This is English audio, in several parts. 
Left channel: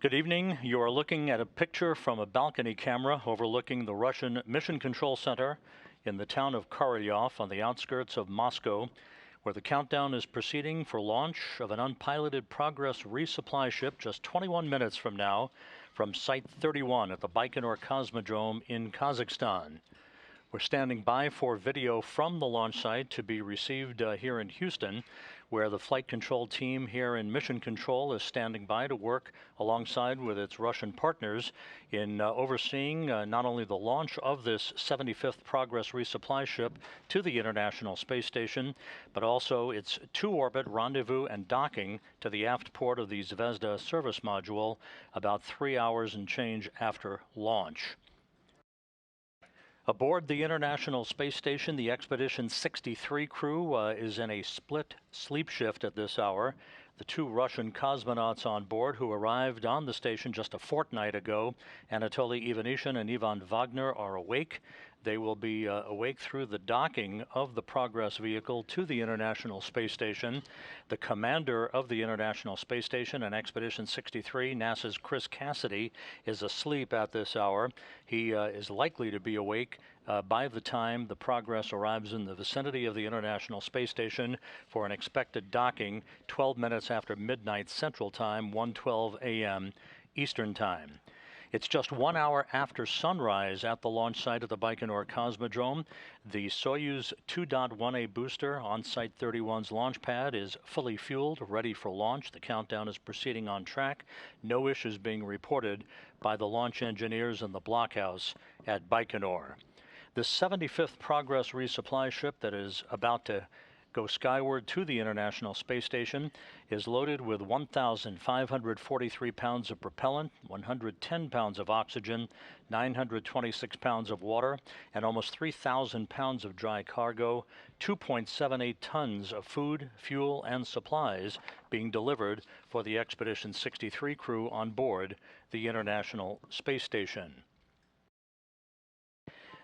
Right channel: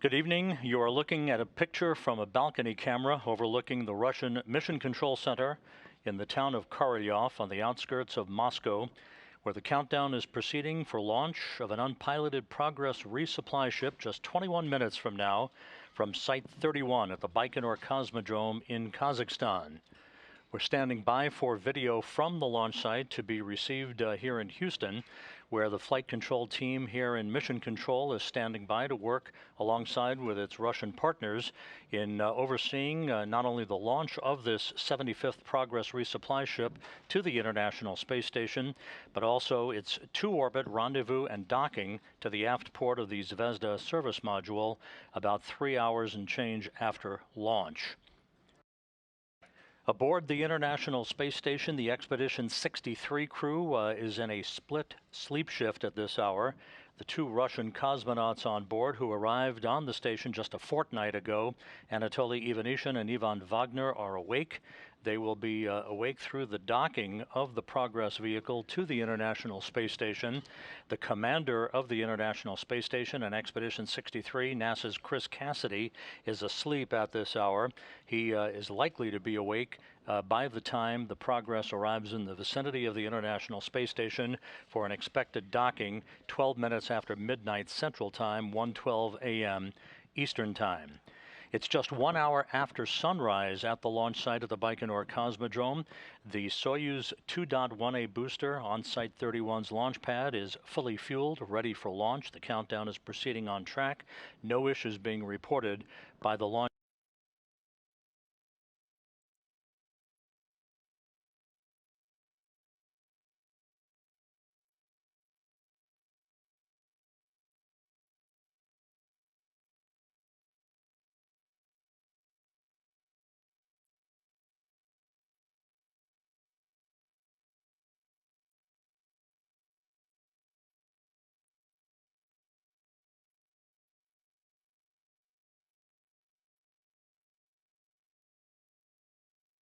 Good evening. You are looking at a picture from a balcony camera overlooking the Russian Mission Control Center in the town of Korolyov on the outskirts of Moscow, where the countdown is proceeding for launch of an unpiloted Progress resupply ship just 21 minutes from now from Site 31 at the Baikonur Cosmodrome in Kazakhstan. We're standing by for video from the launch site to be received here in Houston, where the flight control team here in Mission Control is standing by to work alongside with its Russian partners in overseeing not only the launch of this 75th Progress resupply ship to the International Space Station, but also its two-orbit rendezvous and docking to the aft port of the Zvezda service module about 3 hours and change after launch. Aboard the International Space Station, the Expedition 63 crew is in a split sleep shift at this hour. The two Russian cosmonauts on board who arrived on the station just a fortnight ago, Anatoly Ivanishin and Ivan Wagner, are awake. They will be awake through the docking of the Progress vehicle to the International Space Station. The commander of the International Space Station and Expedition 63, NASA's Chris Cassidy, is asleep at this hour. He is likely to be awake by the time the Progress arrives in the vicinity of the International Space Station for an expected docking 12 minutes after midnight Central Time, 1:12 a.m. Eastern Time. It's just 1 hour after sunrise at the launch site of the Baikonur Cosmodrome. The Soyuz 2.1A booster on Site 31's launch pad is fully fueled, ready for launch. The countdown is proceeding on track. No issues being reported by the launch engineers in the blockhouse at Baikonur. The 75th Progress resupply ship that is about to go skyward to the International Space Station is loaded with 1,543 pounds of propellant, 110 pounds of oxygen, 926 pounds of water, and almost 3,000 pounds of dry cargo, 2.78 tons of food, fuel, and supplies being delivered for the Expedition 63 crew on board the International Space Station.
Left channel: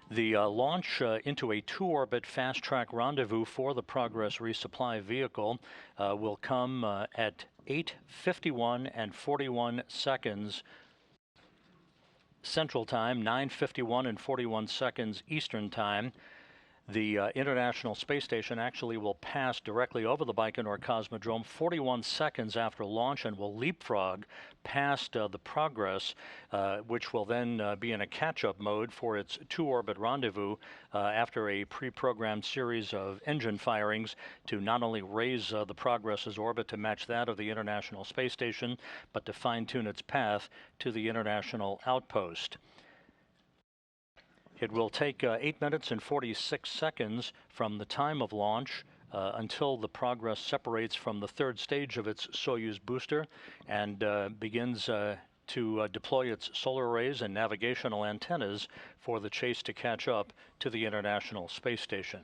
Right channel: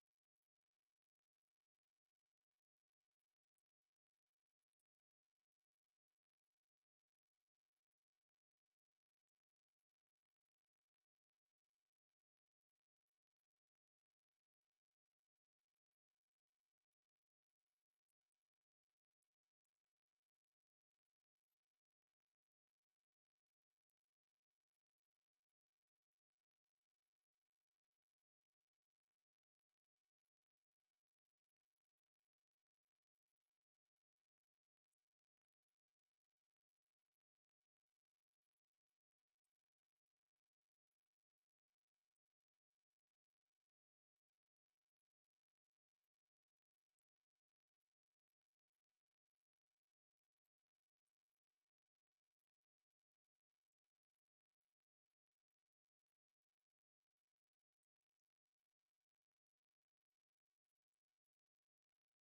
The launch into a two-orbit fast-track rendezvous for the Progress resupply vehicle will come at 8:51 and 41 seconds Central Time, 9:51 and 41 seconds Eastern Time. The International Space Station actually will pass directly over the Baikonur Cosmodrome 41 seconds after launch and will leapfrog past the Progress, which will then be in a catch-up mode for its two-orbit rendezvous after a pre-programmed series of engine firings to not only raise the Progress's orbit to match that of the International Space Station, but to fine-tune its path to the International Outpost. It will take 8 minutes and 46 seconds from the time of launch until the Progress separates from the third stage of its Soyuz booster and begins to deploy its solar arrays and navigational antennas for the chase to catch up to the International Space Station.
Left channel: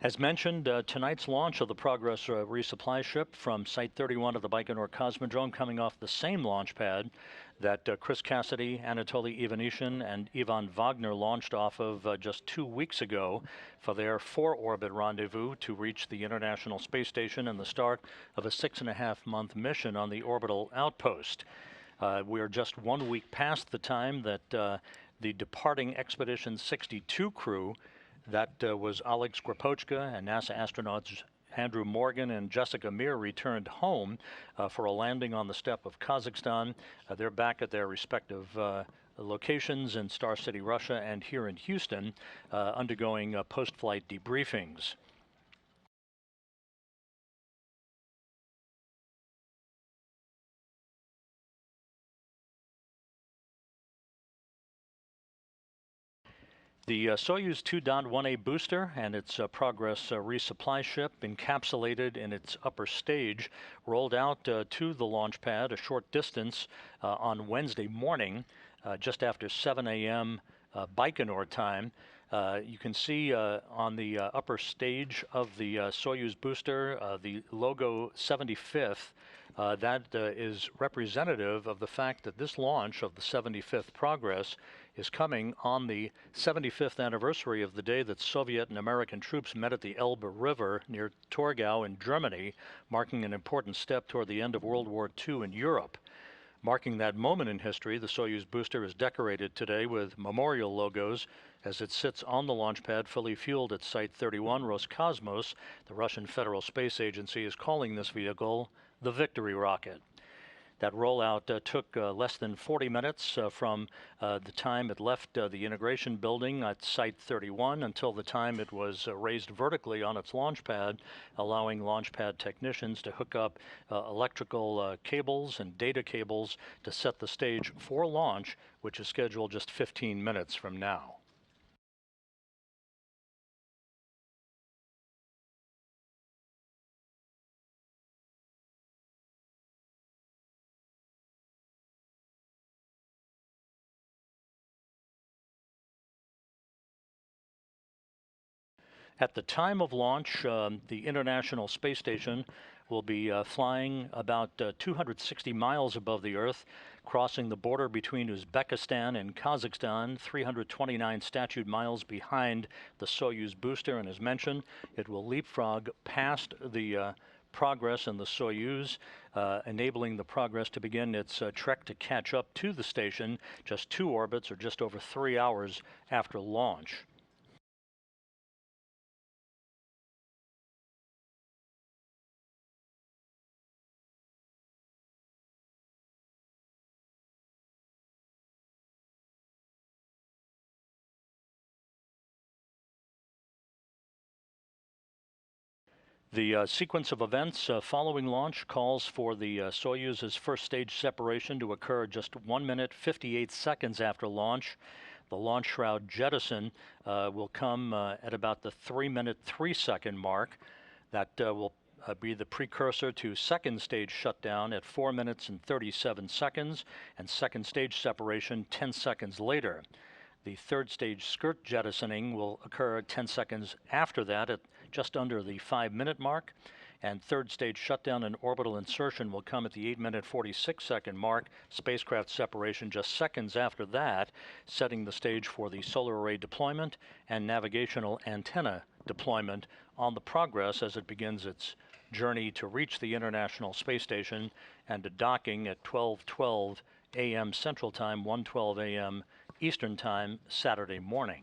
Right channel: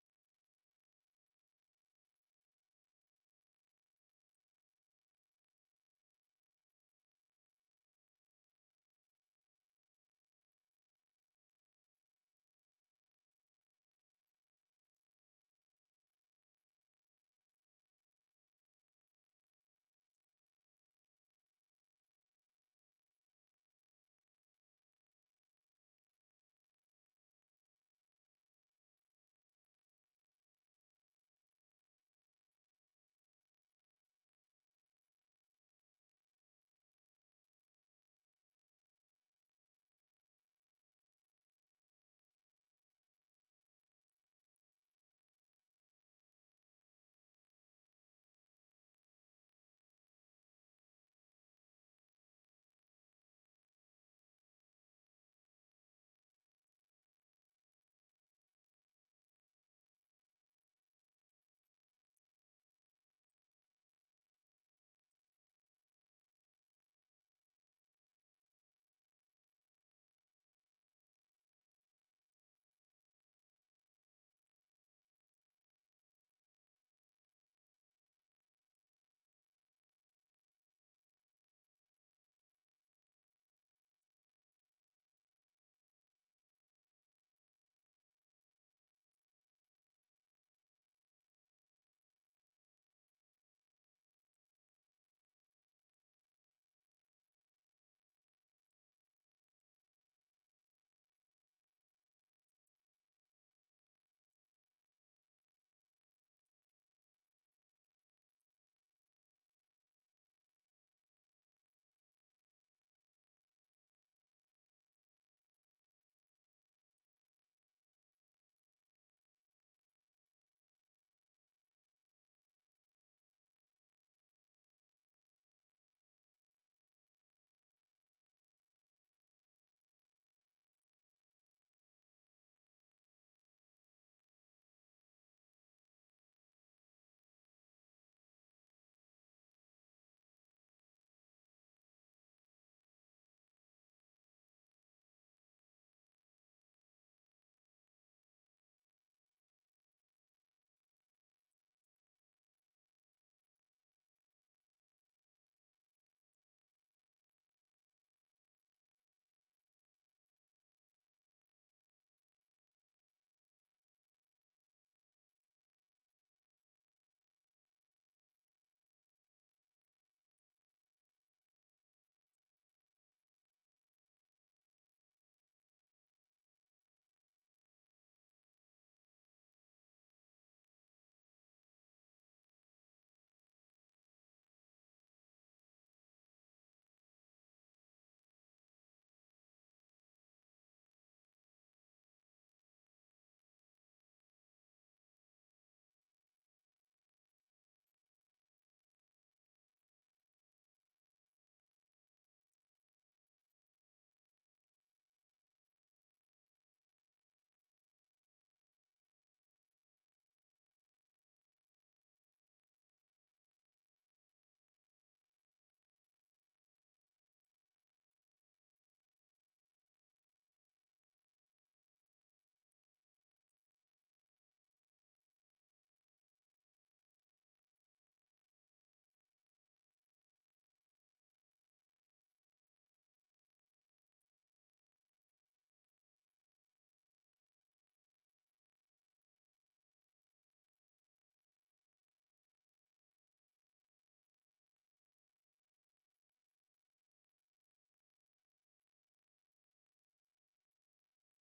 As mentioned, tonight's launch of the Progress resupply ship from Site 31 of the Baikonur Cosmodrome, coming off the same launch pad that Chris Cassidy, Anatoly Ivanishin, and Ivan Wagner launched off of just 2 weeks ago for their 4-orbit rendezvous to reach the International Space Station and the start of a 6.5-month mission on the orbital outpost. We are just 1 week past the time that the departing Expedition 62 crew, that was Oleg Skropochka and NASA astronauts Andrew Morgan and Jessica Meir, returned home for a landing on the steppe of Kazakhstan. They're back at their respective locations in Star City, Russia, and here in Houston, undergoing post-flight debriefings. The Soyuz 2.1A booster and its Progress resupply ship, encapsulated in its upper stage, rolled out to the launch pad a short distance on Wednesday morning, just after 7 a.m. Baikonur time. You can see on the upper stage of the Soyuz booster the logo 75th. That is representative of the fact that this launch of the 75th Progress is coming on the 75th anniversary of the day that Soviet and American troops met at the Elbe River near Torgau in Germany, marking an important step toward the end of World War II in Europe. Marking that moment in history, the Soyuz booster is decorated today with memorial logos as it sits on the launch pad fully fueled at Site 31 Roscosmos. The Russian Federal Space Agency is calling this vehicle the Victory Rocket. That rollout took less than 40 minutes from the time it left the integration building at Site 31 until the time it was raised vertically on its launch pad, allowing launch pad technicians to hook up electrical cables and data cables to set the stage for launch, which is scheduled just 15 minutes from now. At the time of launch, the International Space Station will be flying about 260 miles above the Earth, crossing the border between Uzbekistan and Kazakhstan, 329 statute miles behind the Soyuz booster. And as mentioned, it will leapfrog past the Progress and the Soyuz, enabling the Progress to begin its trek to catch up to the station just 2 orbits or just over 3 hours after launch. The sequence of events following launch calls for the Soyuz's first stage separation to occur just 1 minute 58 seconds after launch. The launch shroud jettison will come at about the 3-minute 3-second mark. That will be the precursor to second stage shutdown at 4 minutes and 37 seconds, and second stage separation 10 seconds later. The third stage skirt jettisoning will occur 10 seconds after that at just under the 5-minute mark, and third stage shutdown and orbital insertion will come at the 8-minute 46-second mark, spacecraft separation just seconds after that, setting the stage for the solar array deployment and navigational antenna deployment on the Progress as it begins its journey to reach the International Space Station and to docking at 12:12 a.m. Central Time, 1:12 a.m. Eastern Time, Saturday morning.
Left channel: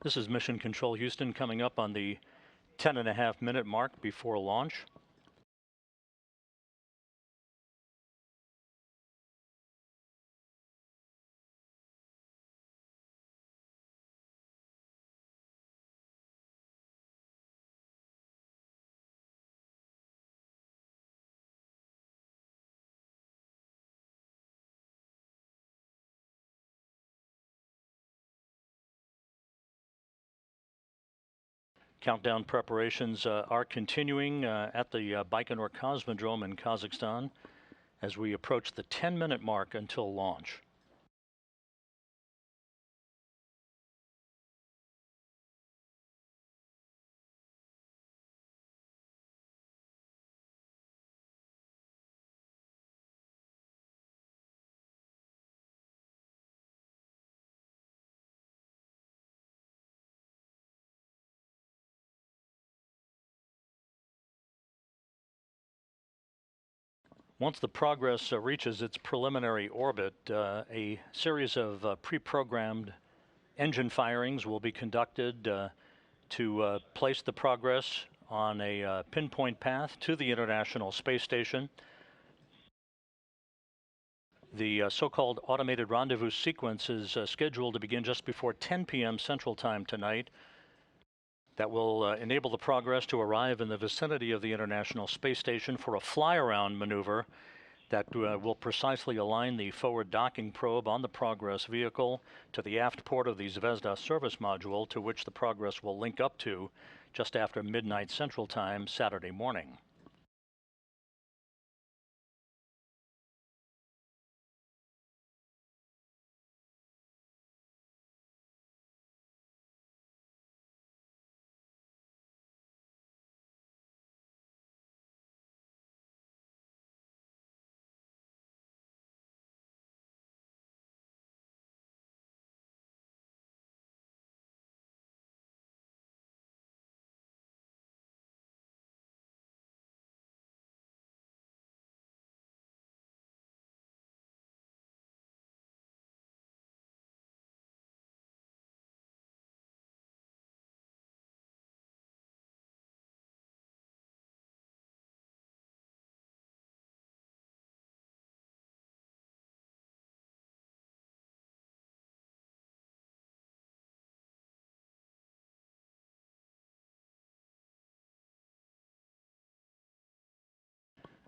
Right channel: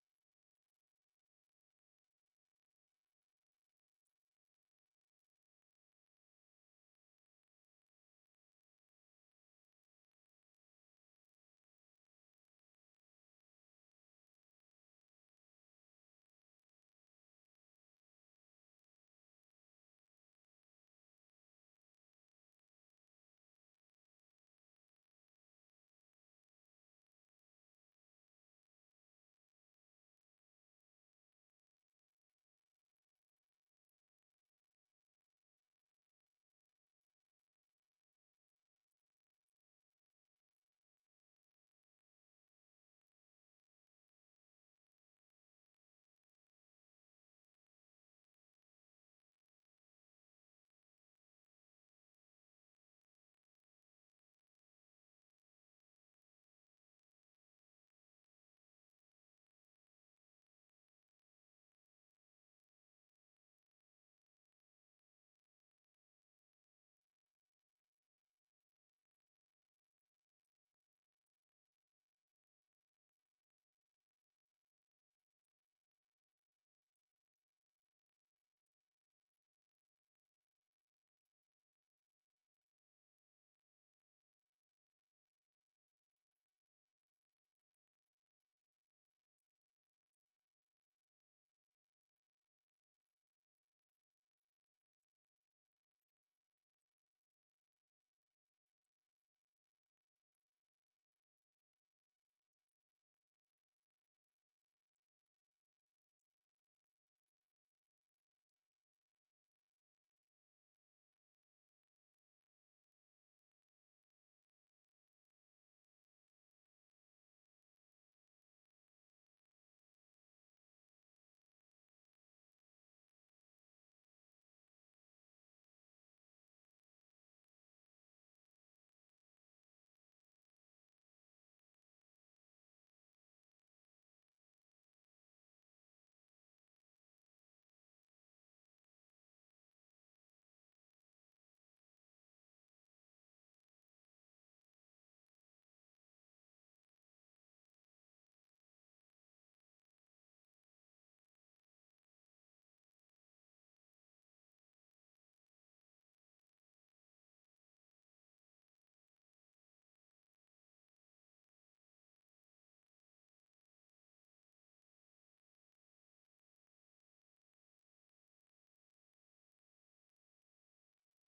This is Mission Control Houston coming up on the 10.5-minute mark before launch. Countdown preparations are continuing at the Baikonur Cosmodrome in Kazakhstan as we approach the 10-minute mark until launch. Once the Progress reaches its preliminary orbit, a series of pre-programmed engine firings will be conducted to place the Progress on a pinpoint path to the International Space Station. The so-called automated rendezvous sequence is scheduled to begin just before 10 p.m. Central Time tonight. That will enable the Progress to arrive in the vicinity of the International Space Station for a fly-around maneuver that will precisely align the forward docking probe on the Progress vehicle to the aft port of the Zvezda service module, to which the Progress will link up to just after midnight Central Time Saturday morning.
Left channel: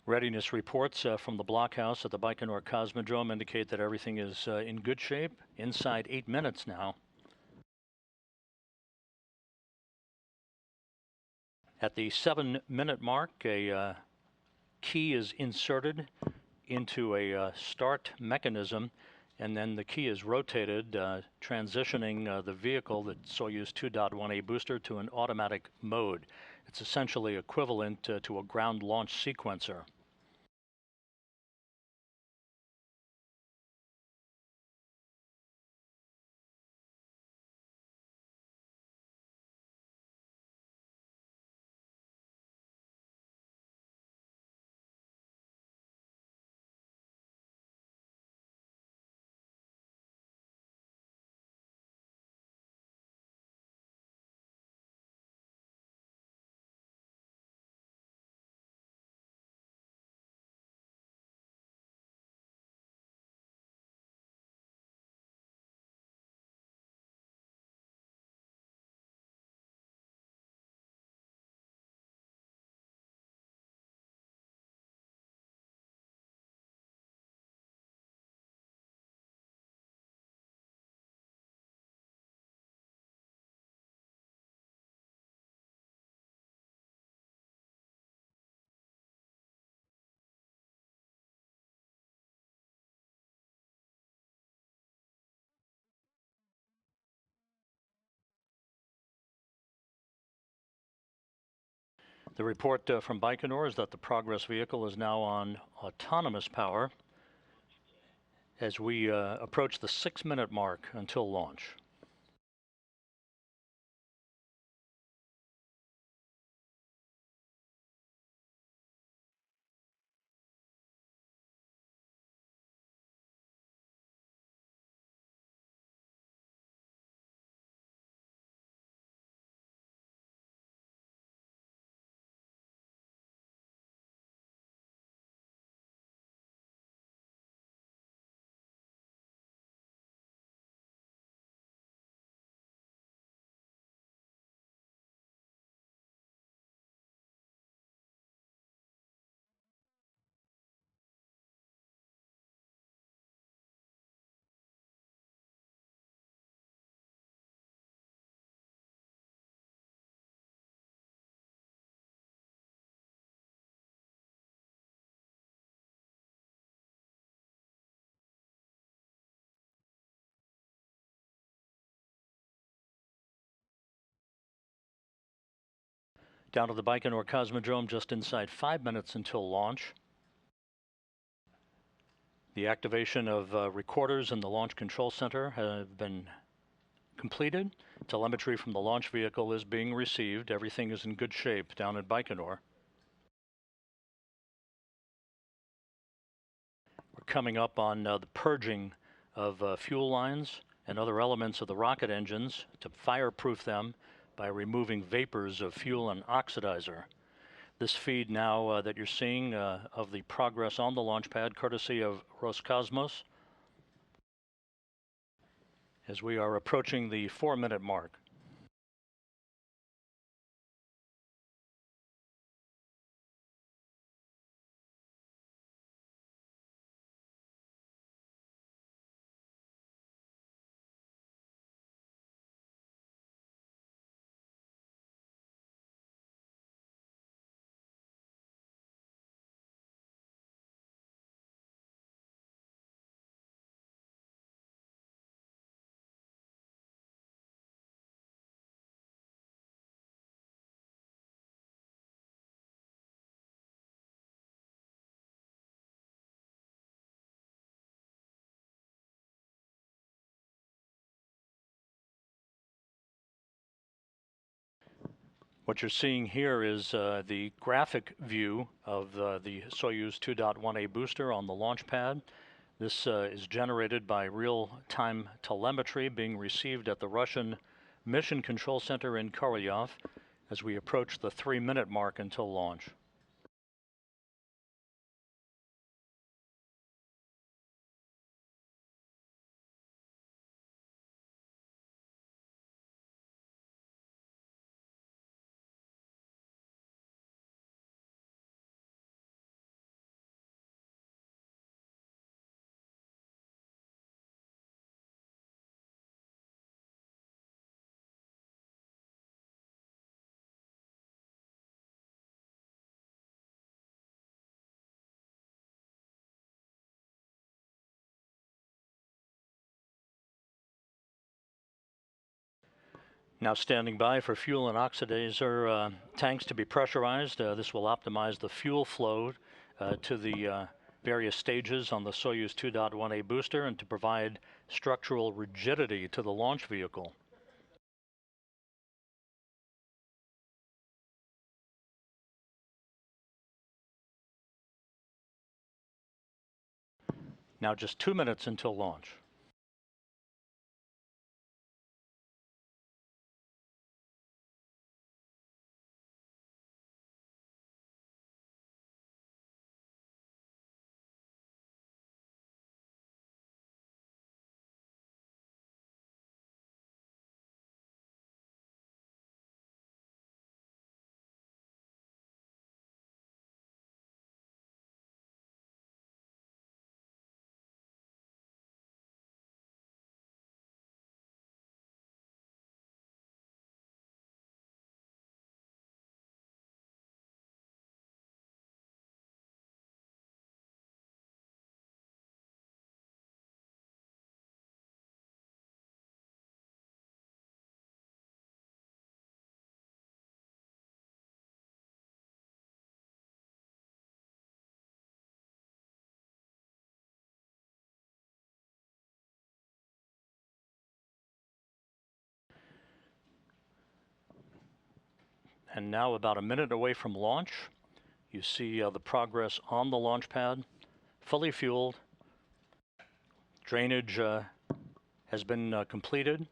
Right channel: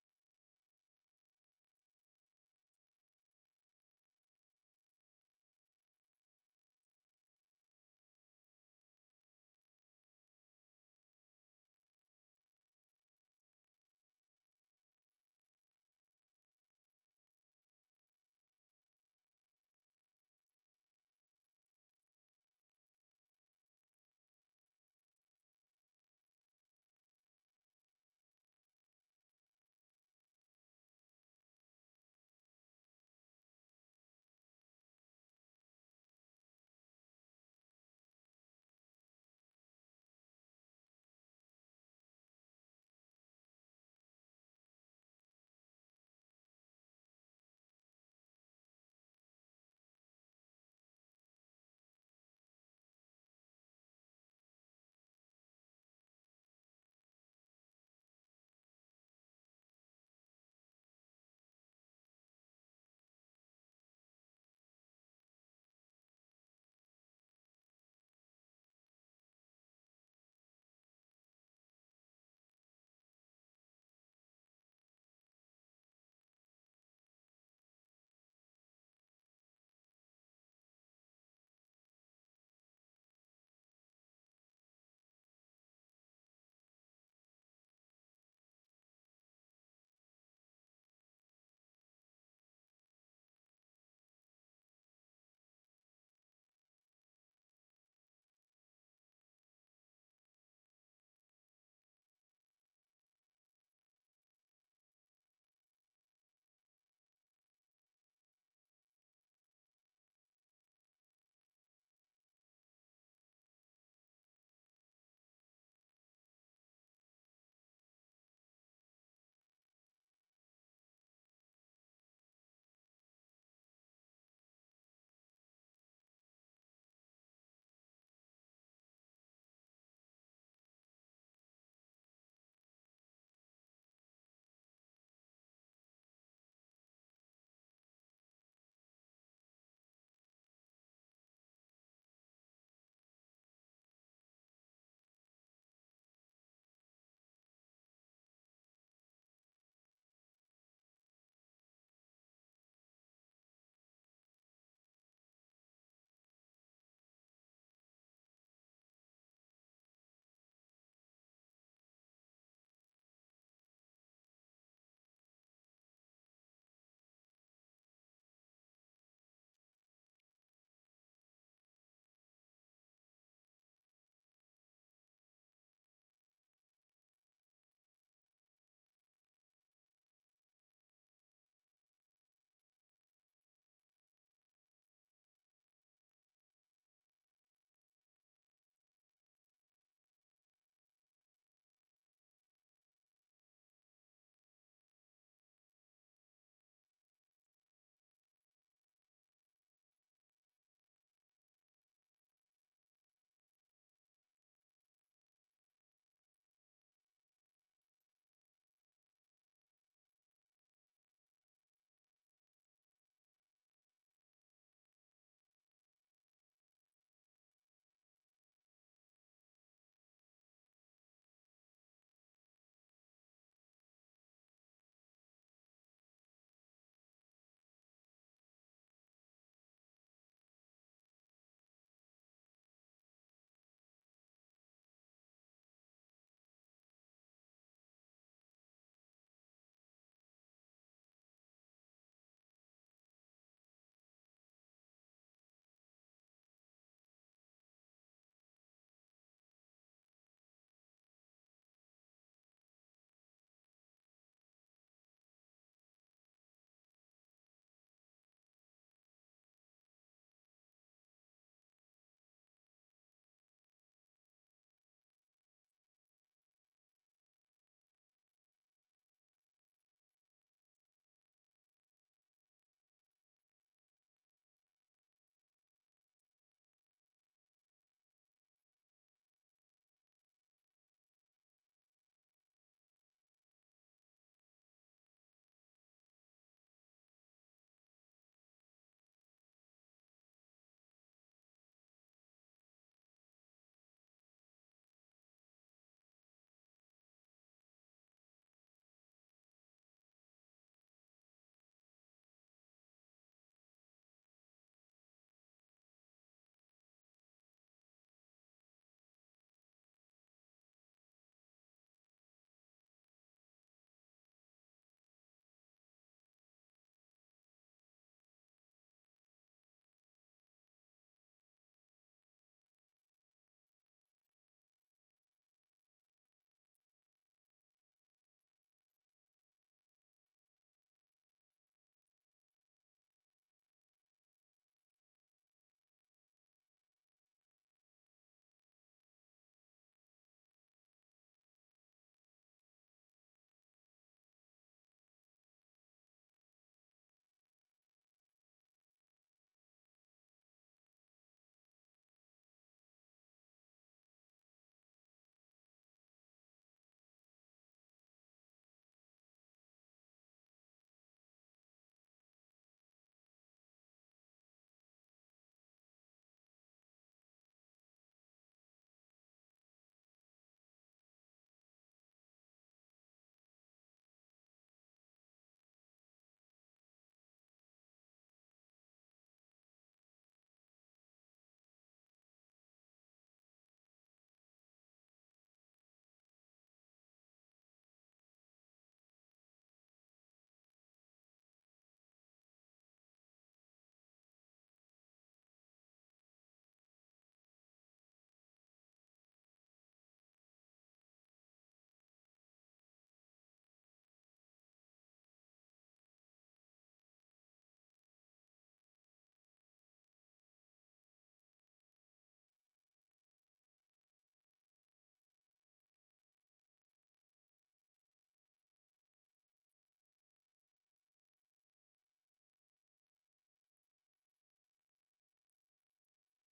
Readiness reports from the blockhouse at the Baikonur Cosmodrome indicate that everything is in good shape inside 8 minutes now. At the 7-minute mark, a key is inserted into a start mechanism, and then the key is rotated, transitioning the vehicle, the Soyuz 2.1A booster, to an automatic mode. It's essentially equivalent to a ground launch sequencer. The report from Baikonur is that the Progress vehicle is now on autonomous power as we approach the 6-minute mark until launch. Down to the Baikonur Cosmodrome, just inside 5 minutes until launch. The activation of recorders in the Launch Control Center have been completed. Telemetry from the launch vehicle is being received. Everything is in good shape down at Baikonur. We're coming up on the purging of fuel lines and other elements of the rocket engines to fireproof them by removing vapors of fuel and oxidizer. This feed now that you're seeing of the progress on the launch pad, courtesy of Roscosmos, as we are approaching the 4-minute mark. What you're seeing here is the graphic view of the Soyuz 2.1A booster on the launch pad. This is generated by real-time telemetry being received at the Russian Mission Control Center in Korolyov as we approach the 3-minute mark until launch. Now standing by for fuel and oxidizer tanks to be pressurized. This will optimize the fuel flow to the various stages on the Soyuz 2.1A booster and to provide structural rigidity to the launch vehicle. Now just 2 minutes until launch. And now about a minute away from launch, you see the progress on the launch pad, fully fueled. Drainage has been completed.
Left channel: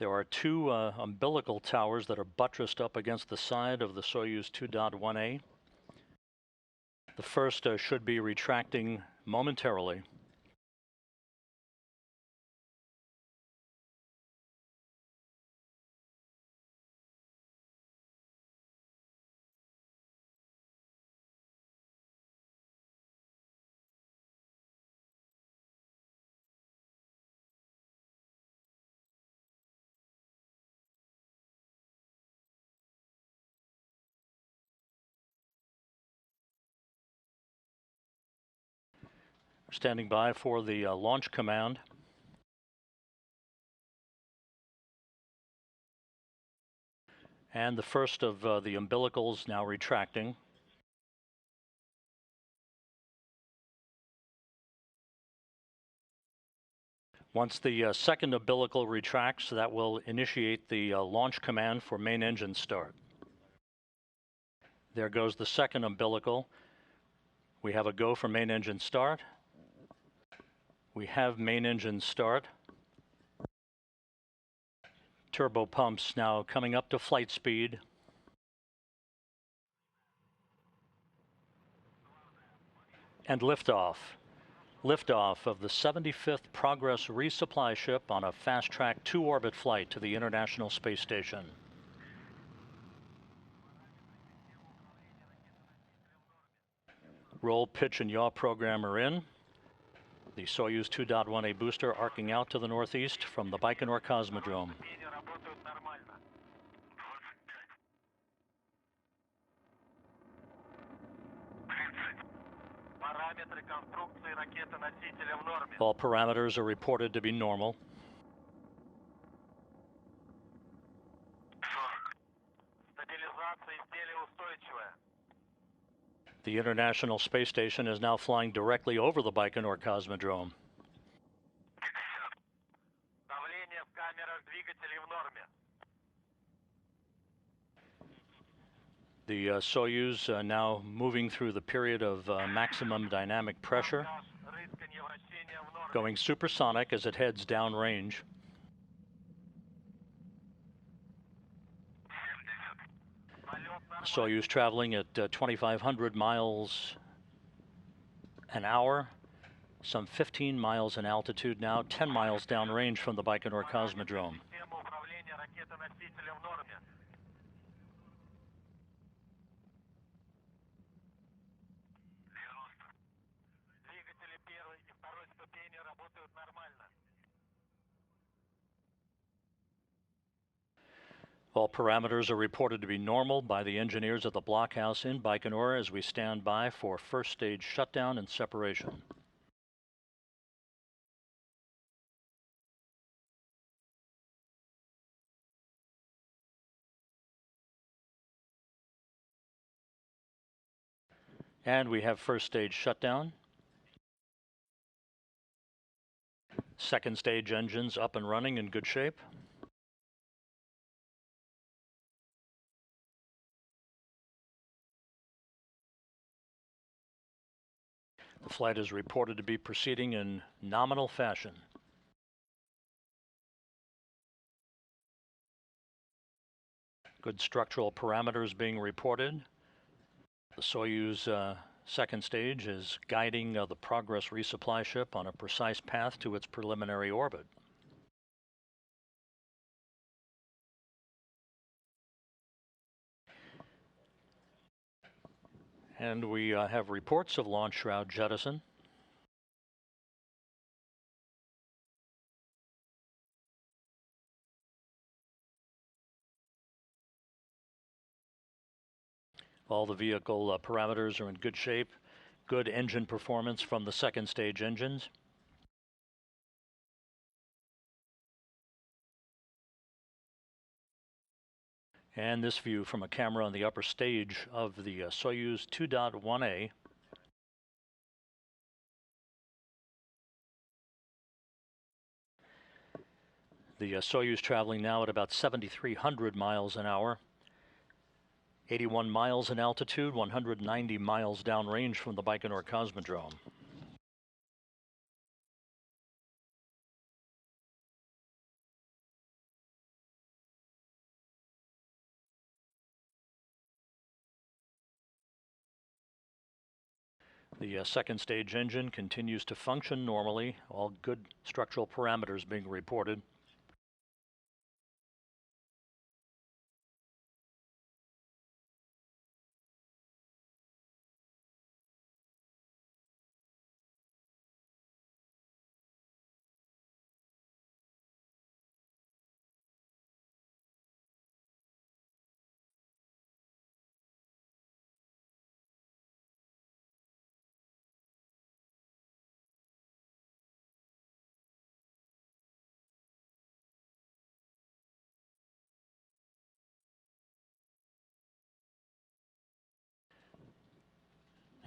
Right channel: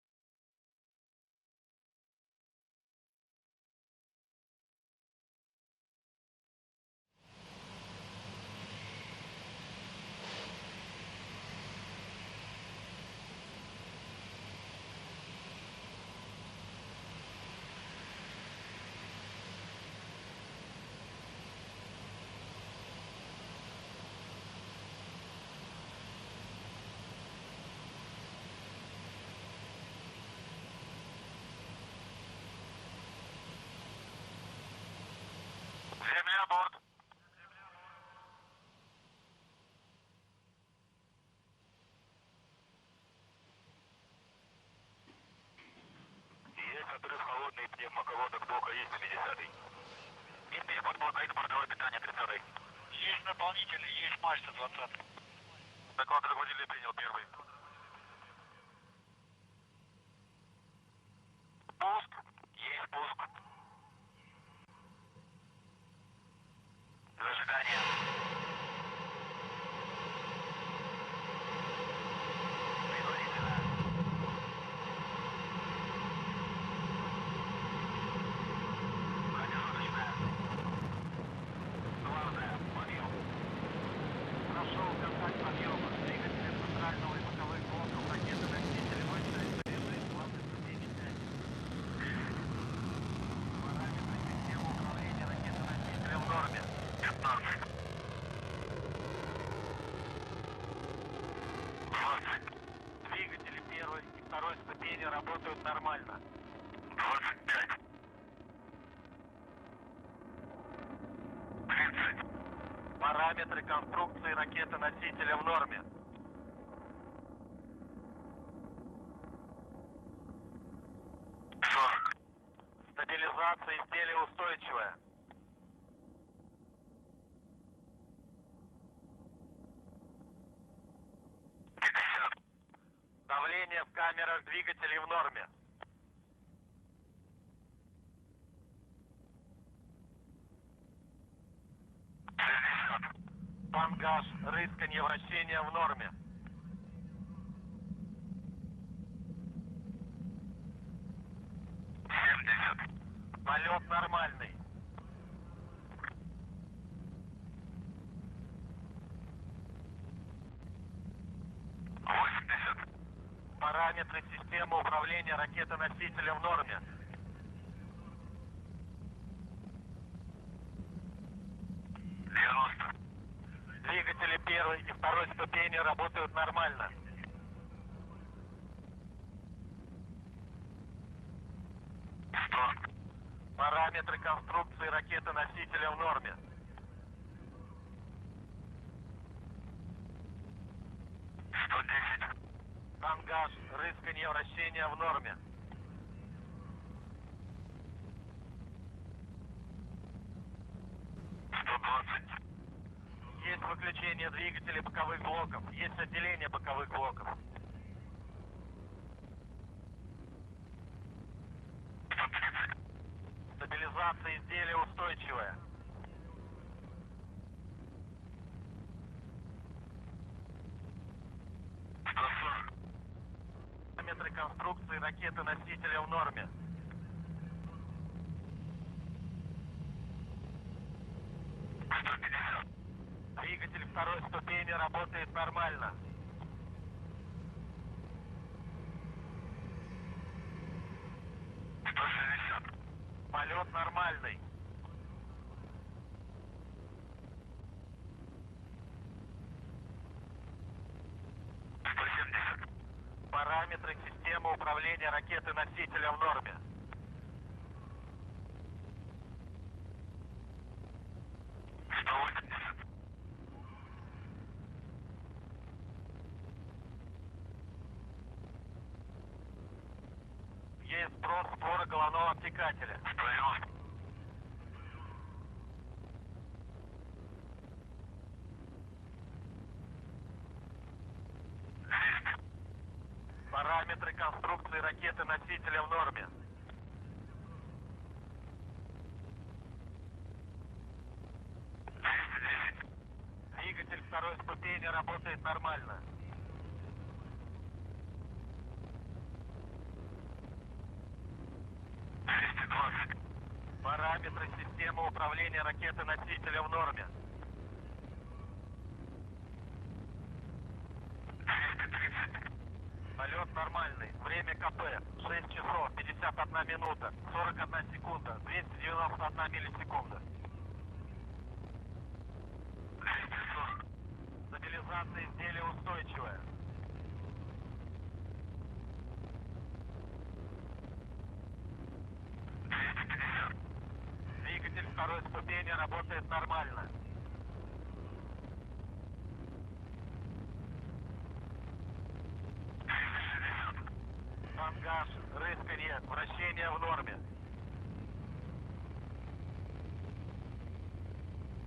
There are 2 umbilical towers that are buttressed up against the side of the Soyuz 2.1A. The first should be retracting momentarily. Standing by for the launch command. And the first of the umbilicals now retracting. Once the second umbilical retracts, that will initiate the launch command for main engine start. There goes the second umbilical. We have a go for main engine start. We have main engine start. Turbo pumps now coming up to flight speed. And liftoff. Liftoff of the 75th Progress resupply ship on a fast-track 2-orbit flight to the International Space Station. Roll, pitch, and yaw program are in. The Soyuz 2.1A booster arcing out to the northeast from the Baikonur Cosmodrome. All parameters are reported to be normal. The International Space Station is now flying directly over the Baikonur Cosmodrome. The Soyuz now moving through the period of maximum dynamic pressure, going supersonic as it heads downrange. Soyuz traveling at 2,500 miles an hour, some 15 miles in altitude now, 10 miles downrange from the Baikonur Cosmodrome. All parameters are reported to be normal by the engineers at the blockhouse in Baikonur as we stand by for first stage shutdown and separation. And we have first stage shutdown. Second stage engines up and running in good shape. The flight is reported to be proceeding in nominal fashion. Good structural parameters being reported. The Soyuz second stage is guiding the Progress resupply ship on a precise path to its preliminary orbit. And we have reports of launch shroud jettison. All the vehicle parameters are in good shape. Good engine performance from the second stage engines. And this view from a camera on the upper stage of the Soyuz 2.1A. The Soyuz traveling now at about 7,300 miles an hour. 81 miles in altitude, 190 miles downrange from the Baikonur Cosmodrome. The second stage engine continues to function normally, all good structural parameters being reported.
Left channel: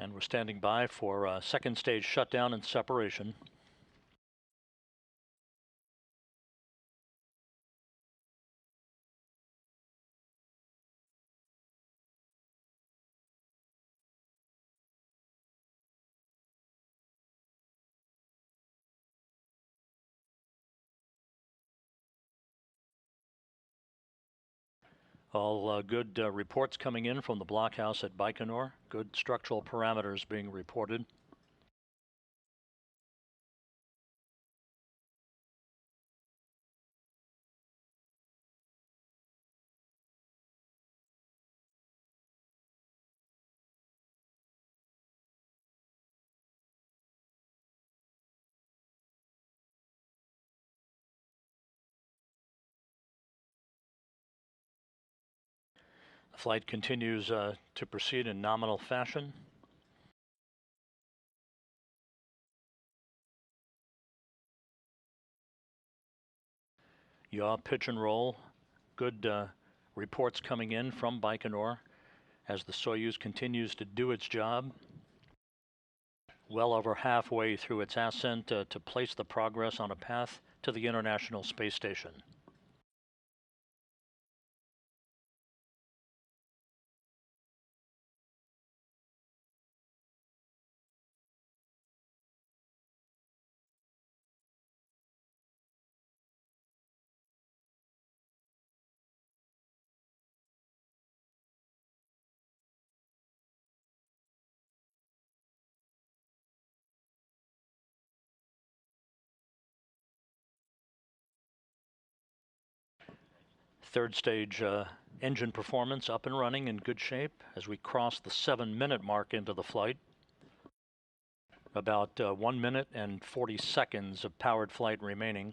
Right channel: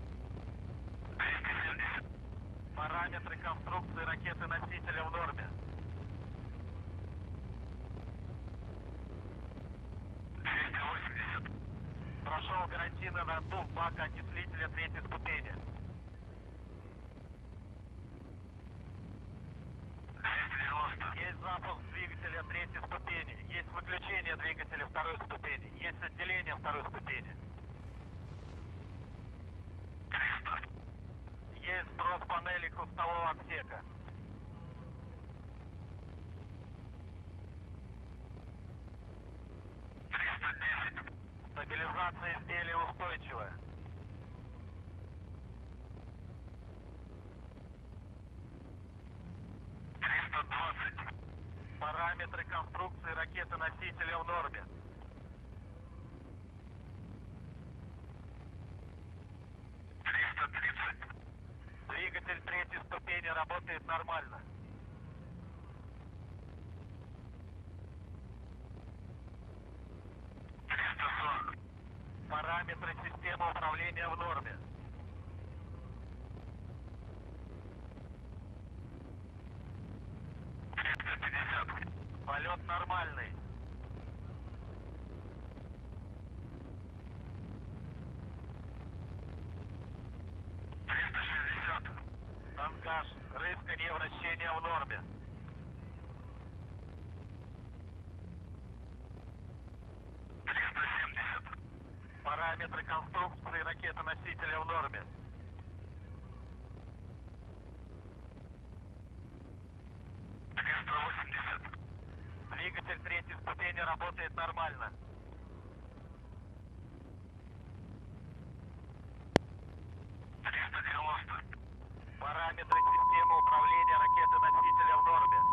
And we're standing by for second stage shutdown and separation. All good reports coming in from the blockhouse at Baikonur. Good structural parameters being reported. The flight continues to proceed in nominal fashion. Yaw, pitch and roll. Good reports coming in from Baikonur as the Soyuz continues to do its job. Well over halfway through its ascent to place the Progress on a path to the International Space Station. Third stage engine performance up and running in good shape as we cross the 7-minute mark into the flight. About 1 minute and 40 seconds of powered flight remaining.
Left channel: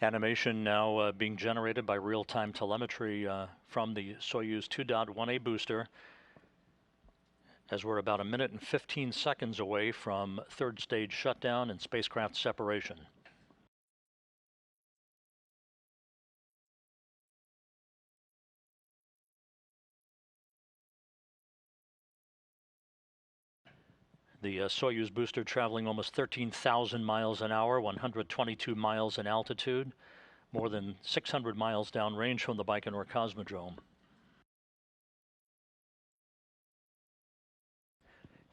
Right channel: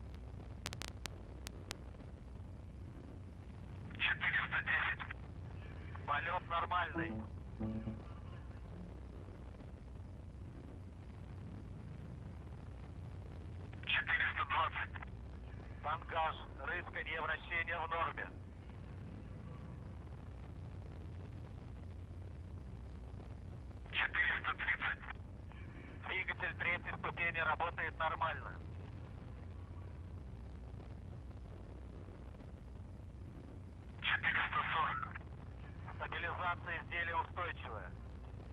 Animation now being generated by real-time telemetry from the Soyuz 2.1A booster, as we're about 1 minute and 15 seconds away from third stage shutdown and spacecraft separation. The Soyuz booster traveling almost 13,000 miles an hour, 122 miles in altitude, more than 600 miles downrange from the Baikonur Cosmodrome.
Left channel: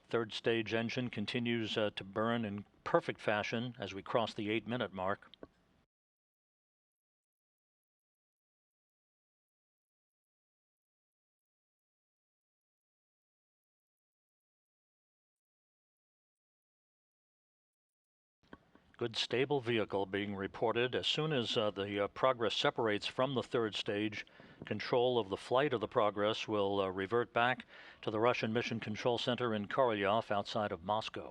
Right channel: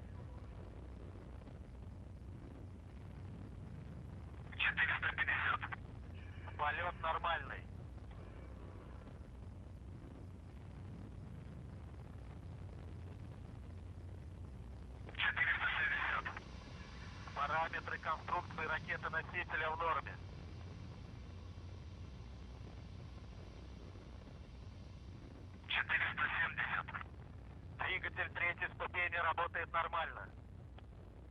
Third stage engine continues to burn in perfect fashion as we cross the 8-minute mark. Good stable vehicle being reported. As soon as the Progress separates from the third stage, control of the flight of the Progress will revert back to the Russian Mission Control Center in Korolyov outside of Moscow.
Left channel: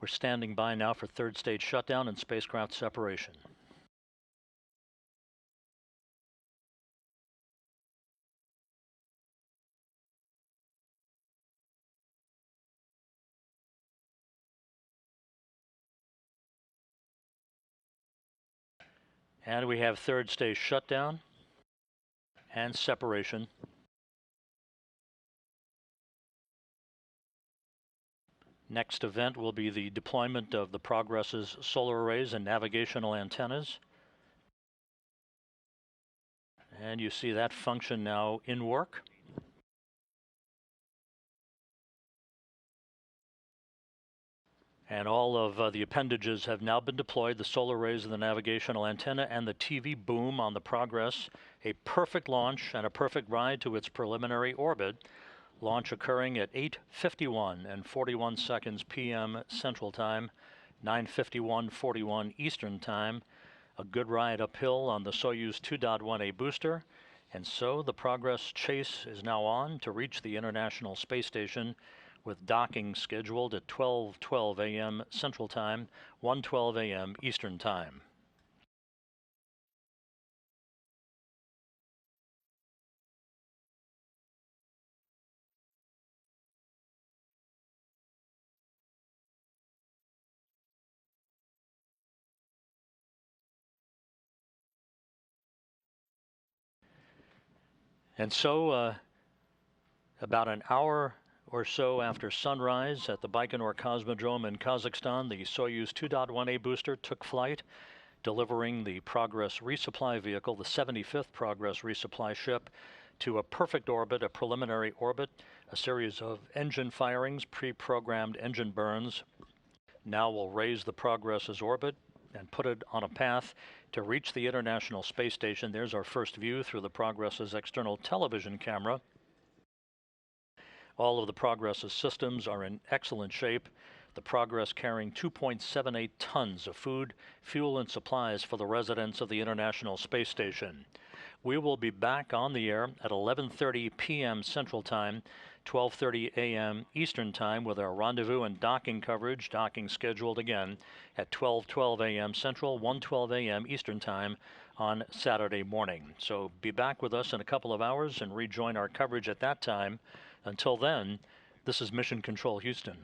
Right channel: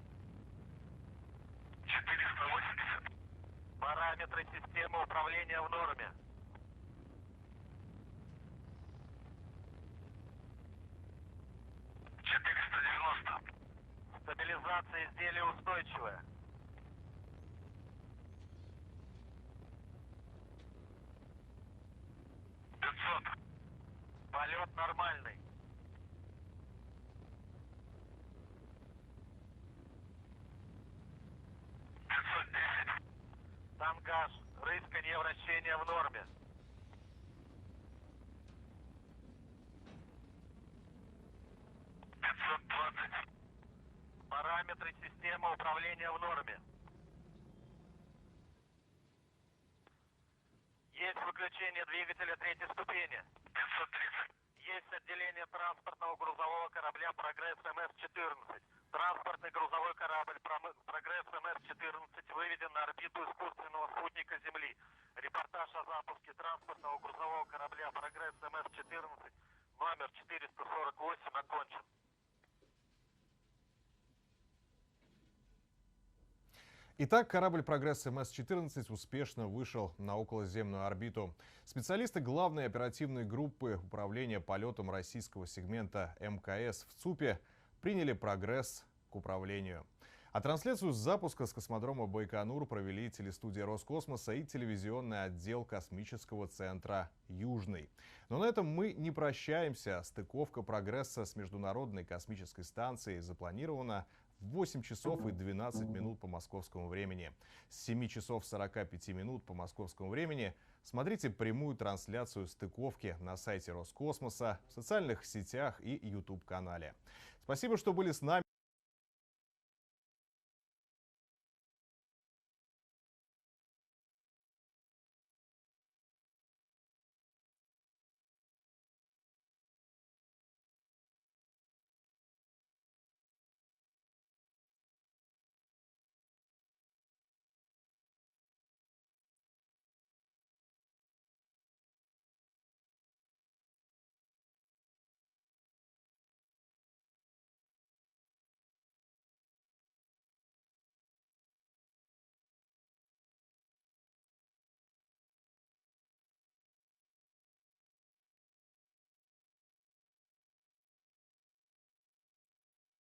We're standing by now for third stage shutdown and spacecraft separation. And we have third stage shutdown and separation. Next event will be the deployment of the Progress's solar arrays and navigational antennas. And you see that function now in work. And all of the appendages have now been deployed, the solar arrays and the navigational antenna and the TV boom on the Progress. A perfect launch and a perfect ride to its preliminary orbit. Launch occurring at 8:51 and 41 seconds p.m. Central Time, 9:51:41 Eastern Time. A good ride uphill on the Soyuz 2.1A booster. And so the Progress chase is now on to reach the International Space Station, with docking scheduled at 12:12 a.m. Central Time, 1:12 a.m. Итак, Eastern корабль Time. «Прогресс» МС-14 успешно вышел на околоземную орбиту. Специалисты главной оперативной группы управления полетом российского сегмента МКС в ЦУПе приняли «Прогресс» к управлению. А трансляцию с запуска с космодрома Байконур провели телестудия Роскосмоса и телевизионный отдел космического центра «Южный». And Но на этом мы so, не прощаемся. about Стыковка an hour прогресса с or so международной after космической sunrise станцией at the Baikonur запланирована Cosmodrome в in 8 часов Kazakhstan, и the 12 Soyuz минут по 2.1A московскому booster took времени. flight, С 7 часов delivering 45 the минут по Progress московскому resupply времени vehicle, the смотрите 75th прямую Progress resupply трансляцию ship, стыковки to на a сайте perfect orbit, a Роскосмоса, в preliminary социальных orbit, сетях a и series of engine YouTube-канале. firings, Спасибо, что были с pre-programmed нами. engine burns. Now we'll raise the Progress's orbit and put it on a path to reach the International Space Station. There's our first view through the Progress's external television camera. All of the Progress's systems are in excellent shape. The Progress carrying 2.78 tons of food, fuel, and supplies for the residents of the International Space Station. We will be back on the air at 11:30 p.m. Central Time, 12:30 a.m. Eastern Time with our rendezvous and docking coverage, docking scheduled again at 12:12 a.m. Central, 1:12 a.m. Eastern Time on Saturday morning. So be back with us in a couple of hours and rejoin our coverage at that time. Until then, this is Mission Control Houston.